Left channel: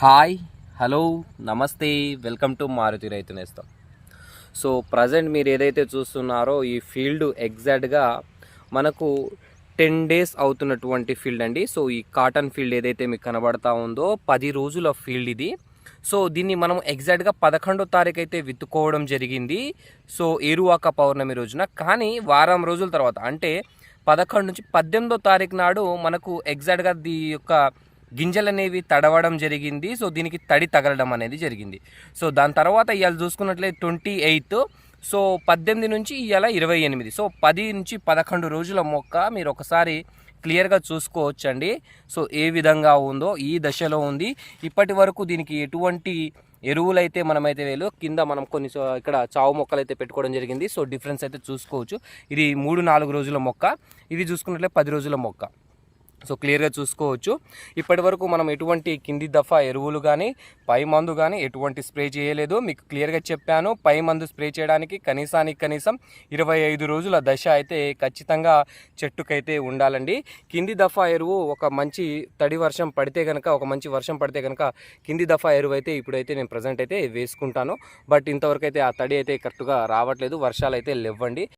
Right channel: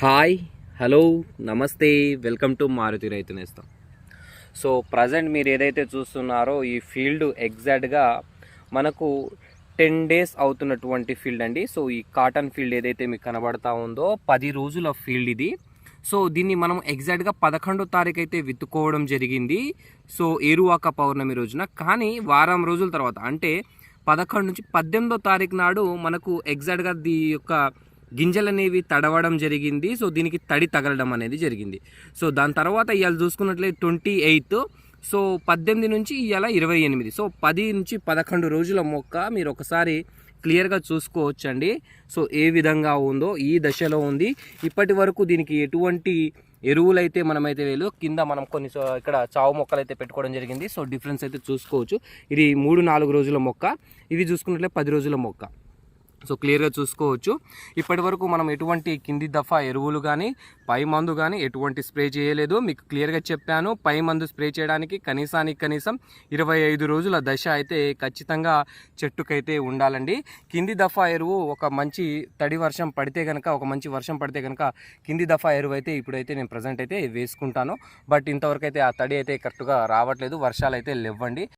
Hi, hello, నమస్తే, welcome to Maruti రైతు నేస్తం. సో ప్రజెంట్ మీరు ఏదైతే చూస్తున్నారో ఈ ఫీల్డ్ ఎగ్జాక్ట్గా మనకు 10 డేస్ అవుతున్నటువంటి ఫీల్డ్ అండి. సో ఈ కాటన్ ఫీల్డ్ ఏదైతే మీకు కనబడతా ఉందో 10 రోజుల ఫీల్డ్ ఇది. సో దీన్ని మనం ఎగ్జాక్ట్గా 11వ తారీఖు అయితే విత్తుకోవడం జరిగింది. సో ఏరువాక పౌర్ణమి రోజున. కానీ వారం రోజుల తర్వాత అంటే 11 నుంచి 18వ తారీఖు నాడు మనకు ఎగ్జాక్ట్గా యొక్క గింజలు అనేవి తడవడం జరిగింది. సో దీనికి తడి తగలడం అనేది జరిగింది. సో దాని తర్వాత ఇవాళ చూసుకున్నట్లయితే 28. సో 18 నుంచి ఇవాళ 28. సో 10 నుంచి 11 రోజుల మొక్క మీరు ఒకసారి క్లియర్గా చూసుకోవచ్చండి. సో ఏ విధంగా ఉందో ఈ దశలో ఉంది. ఇప్పటి వరకు దీనికి ఎటువంటి ఎరువులైతే మనమైతే లేదు. కింద మనం కొన్ని ఇక్కడ చావు మొక్కలు అయితే పెట్టుకోవడం జరిగింది. సో డిఫరెన్స్ అయితే చూసుకోవచ్చు. ఇది 3-4 రోజుల మొక్క, ఇది చూసుకున్నట్లయితే 10 రోజుల మొక్క. సో క్లియర్గా చూసుకోవచ్చు. ఇప్పటి వరకు మనం ఎటువంటి కింది దఫా ఎరువులు కానీ పై మందు కానీ ఎటువంటి స్ప్రే చేయలేదు. మీకు క్లియర్గా చెప్పాను. పై మందు స్ప్రే చేయడానికి కనీసం 25 రోజుల దశ అయితే ఖచ్చితంగా చెట్టుకైతే ఉండాలండి. కింది దఫా ఎరువు ఒక మంచి తడి వర్షం పడితే కనుక, ఒక మంచి వర్షం పడితే కనుక కింది దఫా ఎరువు అయితే ఇప్పుడైతే నేను ప్రజెంట్ అయితే వేసుకుంటాను. బట్ ఇంతవరకు అయితే ఆ తడి అయితే కరెక్ట్గా రావట్లేదు, వర్షాలు అయితే లేవండి.